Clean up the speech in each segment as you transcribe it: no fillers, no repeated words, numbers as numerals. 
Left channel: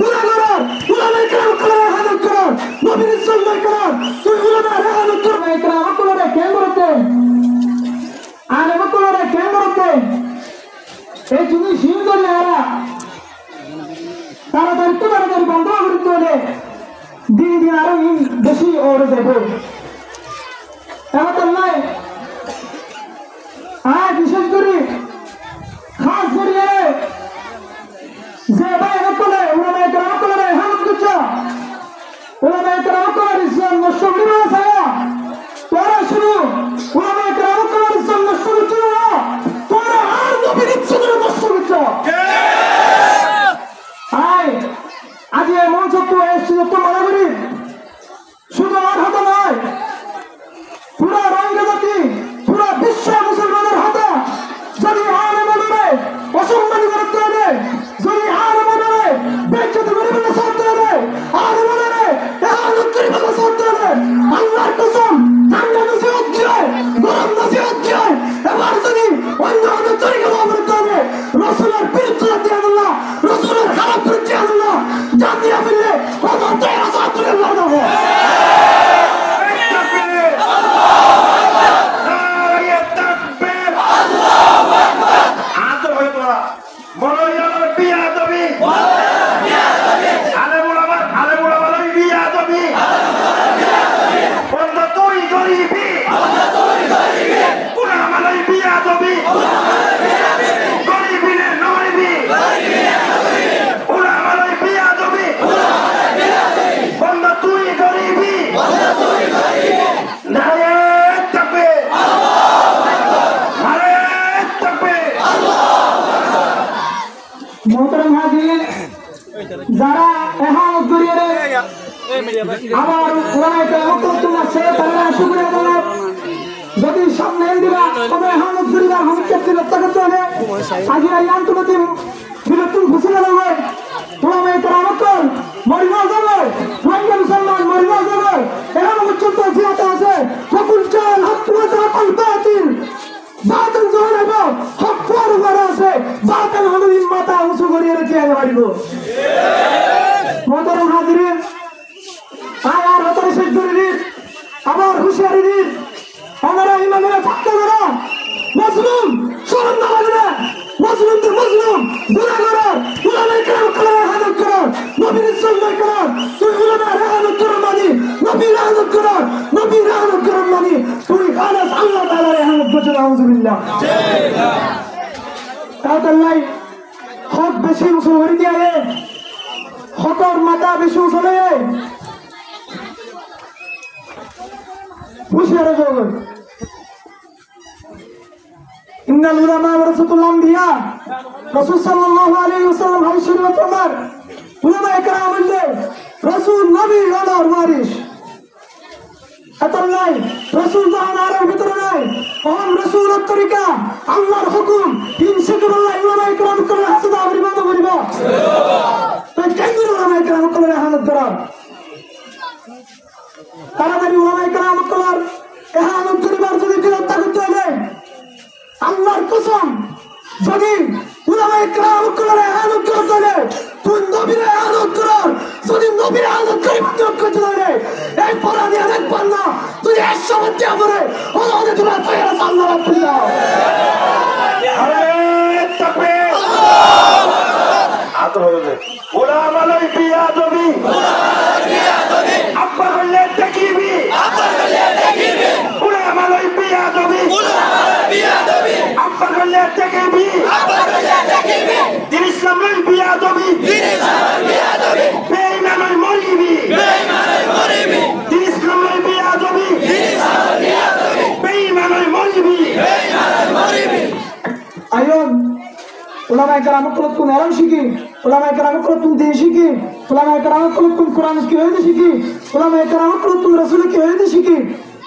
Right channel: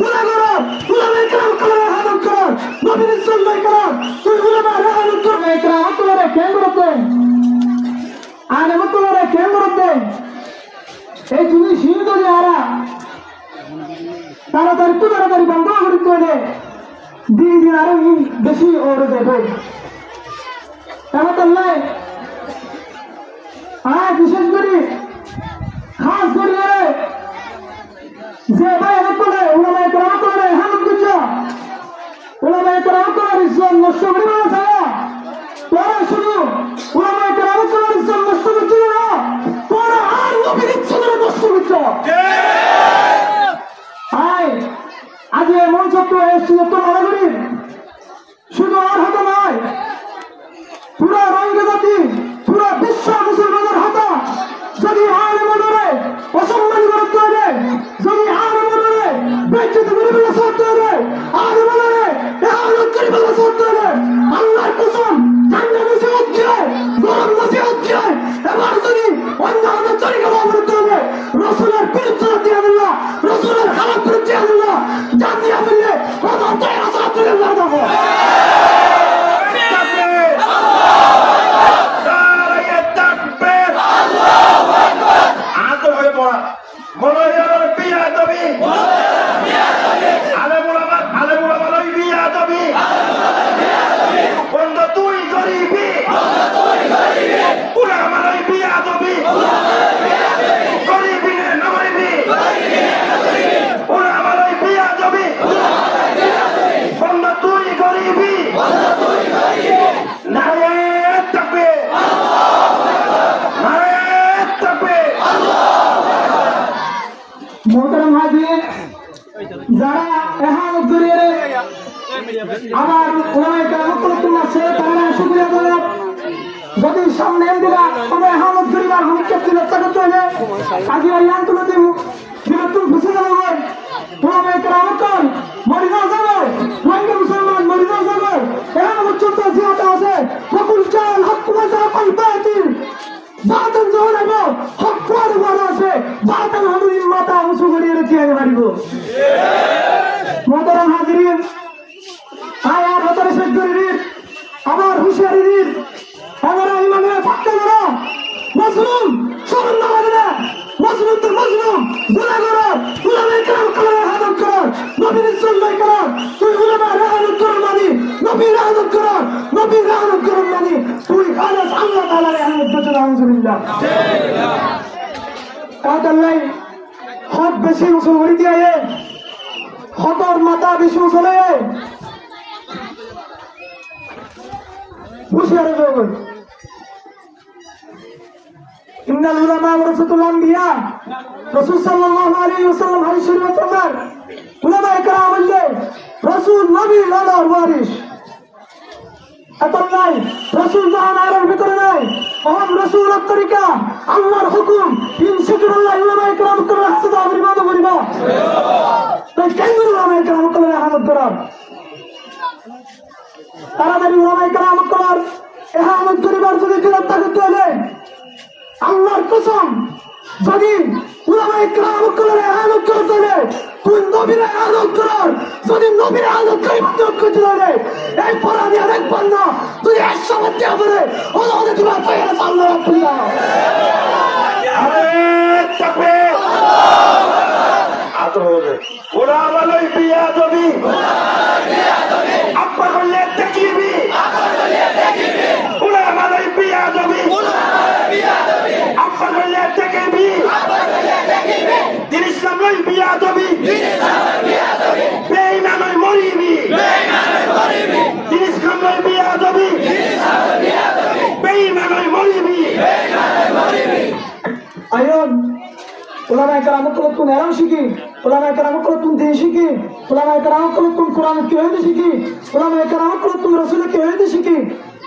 গুনাহগার উলামায়ে কেরাম কলরে হানত কর নবীর সুন্নাহ কর তুই উলামায়ে হানত কর কেরাম কলরে কেন্দ্রতে আলেম কলরে কেন্দ্রতে এই জিনিস হিন্দুরে আরা তাড়াতাড়ি বন্ধ করতে হলে দিন দিন আরো বেশি ওরে যাবে তাহলে বিশেষ করে খাস করে যে ভাই করে উলামায়ে কেরাম করে হামদ করছে উলামায়ে কেরাম করে ইসলাম নষ্ট করে আছে তোরা শুধু উলামায়ে কেরাম করে ইসলাম নষ্ট করছে না তোরা আর নবীর ইজ্জত নষ্ট করছে আজ এই মঞ্চ তো এসেছিল তো মনে করি শুধু আর হাতে নয় পুরা রঙে জাতি পুরা বিশ্ব মুসলমানের হাতে যদি আলেম করে অসম্মানী করতে হবে যদি আলেম করে বেজ্জত করে বলে চলতে হবে আলেম করে এহালত করে বলে চলতে হবে আল্লাহর কসম ঠান্ডা নসি হচ্ছে গরম নসি হচ্ছে এবার যদি অন্য অন্য তরিকা অবরোধ হবে রসুলের বিরুদ্ধে দিয়ে আল্লাহ রসুলের খারাপ বিরুদ্ধে আল্লাহ জানিয়া বললে অত তেরা সাতুরে লাগবে যারা এহানত করিয়ে আমার উলামায়ে কেরাম তোমার সে তারা শুকরিয়া জানাব যদি সামনে দিরা তবে এহানত করিবার ভূমিকা লক্ষ্য করতে হবে আজ এই আন্দোলনে বিরোধ ঘোষণা করবে উলামায়ে কেরাম মরিনা যাবে রোহিঙ্গা মুসলমান মরিনা যাবে এমন উচ্চত জিয়াতে আছে ফকুল চাল হক ওয়া কল বাতিল বাতিল জোরাইব হক পর আছে বাতিল হনুদিন মাথা উঁচু করিয়ে রেখে পারিব মোহতারাম হাজিরিন আর হতার শেষ করে দিন আবার হুঁশিয়ারি দিন আমরা ইমামেরা ফাঁকা করো মজলুম শরম না লাগে না মজলুম তো মজলুম গুনাহগার উলামায়ে কেরাম কলরে হানত করো নবীর সুন্নাহ করো তুই উলামায়ে হানত করো মানে নবীর হানত করো নবীর হানত করো মানে তুই আল্লাহ তাআলার হানত করছো আলহামদুলিল্লাহ কাউতাল্লাই হক বেশি উসুল করে দিয়ে হকর মাথা বেশি উসলে হুঁশিয়ারি করবেন ইন্নাল উলামা ওয়ারাসাতুল আমবিয়া রাসূল সাল্লাল্লাহু আলাইহি ওয়াসাল্লাম হাদিস শরীফে ফরমান উলামায়ে কেরাম হইলে রাসূল নবীর আলার ওয়ারিস আতাল্লাই রাসূল যখন আলার ভিতরে নাই ওহম রাসূলের তরিকা আল্লাহর হুকুম ইনশাআল্লাহ উলামায়ে কেরাম করে হাসদ আবির্ভাব করিব তো কেন উলামায়ে কেরাম করে হালত করার তাড়াতাড়ি উলামায়ে কেরাম করার এহানত করিবার যদি বিরোধিতা করতে হবে আল্লাহর কসম যদি উলামায়ে কেরাম করে এহানত করতে হবে তুই নবীর এহানত করার যদি নবীর এহানত করিবার করতে হবে এই পরাধী দেখবার না তুই 100 বাদ দিয়া পড়ে ওদের তোমার পায়ে সামনে রাখবি না আরে তাকবীর আল্লাহু আকবার উলামায়ে বিয়া দবি আব্বা বললে তাকিবি উলামায়ে বিয়া দবি আব্বা বললে তাকিবি দিন ইসলাম লই বিয়া দবি বেঈমান লই মরিবি দিন ইসলাম লই বিয়া দবি বেঈমান লই মরিবি আইন উলামায়ে কেরাম কোন এলাম শিখি উলামায়ে কেরাম কোন দিন শিখি উলামায়ে কেরাম কোন কুরআন কি হইতে শিখি উলামায়ে কেরাম কোন রাসূল কি হইতে শিখি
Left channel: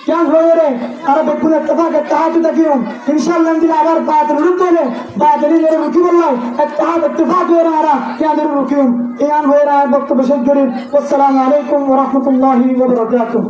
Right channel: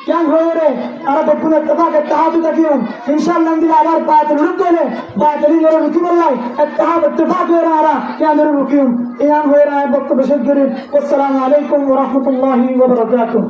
क्या हो रे अरे बच्चों ने तबाह के तहाज तकियों इंशाअल्लाह दिन आवर बात रुक गए बात नहीं जरूर रुकी वल्लाह तहाज इत्तेफाक हो रहा क्या जरूर रुकियों ये आम हो रहा है वक्त बशर करीब अस्सलाम वालेकुम व रहमतुल्लाहि व बरकातहू।